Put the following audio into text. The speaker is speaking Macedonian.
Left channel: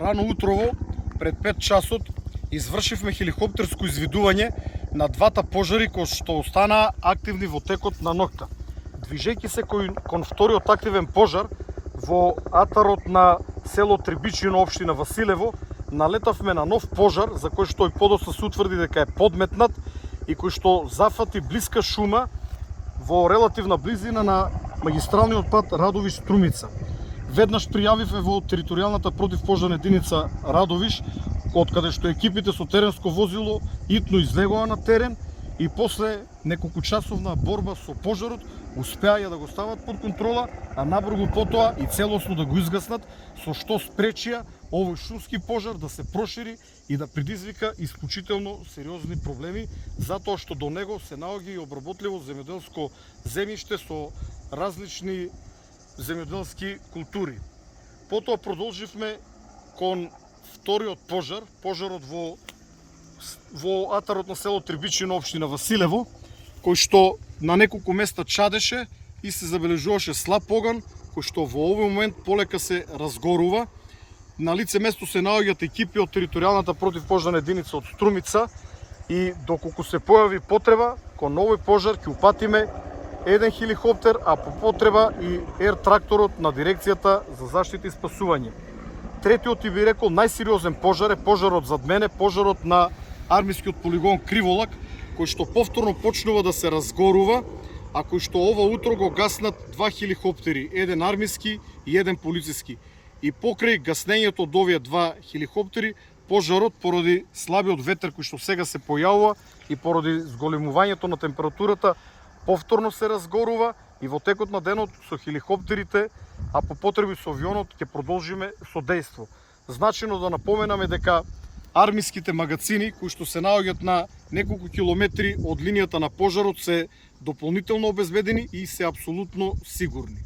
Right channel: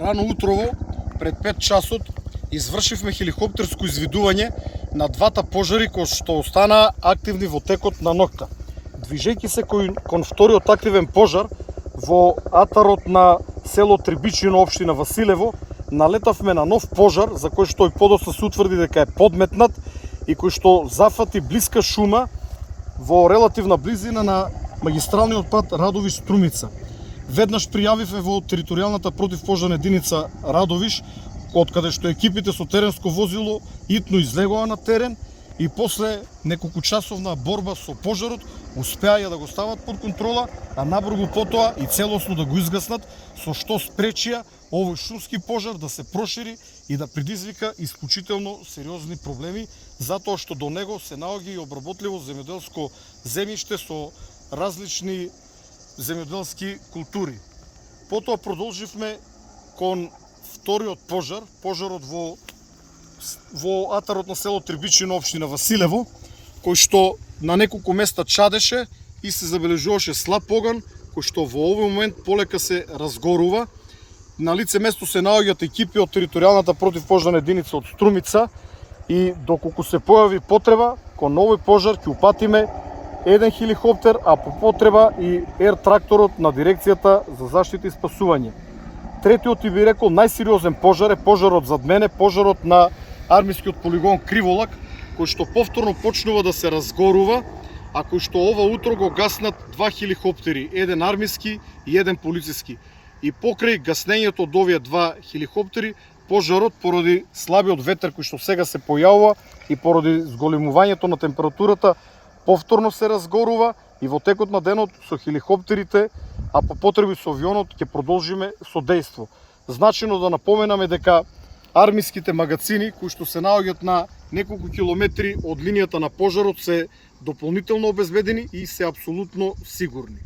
Рано утрово, пред 5 часот, извршивме хеликоптерско извидување на двата пожари кои што останаа активни во текот на ноќта. Движејќи се кон вториот активен пожар во атарот на село Трибичино, општина Василево, налетавме на нов пожар за кој што и подоцна се утврди дека е подметнат и кој што зафати блиска шума во релативна близина на магистралниот пат Радовиш-Струмица. Веднаш пријавивме во територијалната противпожарна единица Радовиш, од каде што екипите со теренско возило итно излегоа на терен и после неколкучасовна борба со пожарот успеа да го стават под контрола, а набрзо потоа и целосно да го изгаснат, со што спречија овој шумски пожар да се прошири и да предизвика исклучително сериозни проблеми, затоа што до него се наоѓа и обработливо земјоделско земјиште со различни земјоделски култури. Потоа продолживме кон вториот пожар, пожарот во атарот на село Трибичино, општина Василево, кој што на неколку места чадеше и се забележуваше слаб оган, кој што во овој момент полека се разгорува. На лице место се наоѓаат екипи од територијалната противпожарна единица од Струмица и доколку се појави потреба, кон овој пожар ќе упатиме еден хеликоптер, а по потреба и ер тракторот на дирекцијата за заштита и спасување. Третиот и би рекол најсериозен пожар е пожарот зад мене, пожарот на армискиот полигон Криволак, кој што повторно почнува да се разгорува, а кој што ова утро го гаснат два хеликоптери, еден армиски и еден полициски. И покрај гаснењето од овие два хеликоптери, пожарот поради слабиот ветер кој што сега се појавува и поради зголемувањето на температурата повторно се разгорува и во текот на денот со хеликоптерите, а по потреби со авионот ќе продолжиме со дејство. Значено да напоменаме дека армиските магацини кои што се наоѓаат на неколку километри од линијата на пожарот се дополнително обезбедени и се апсолутно сигурни.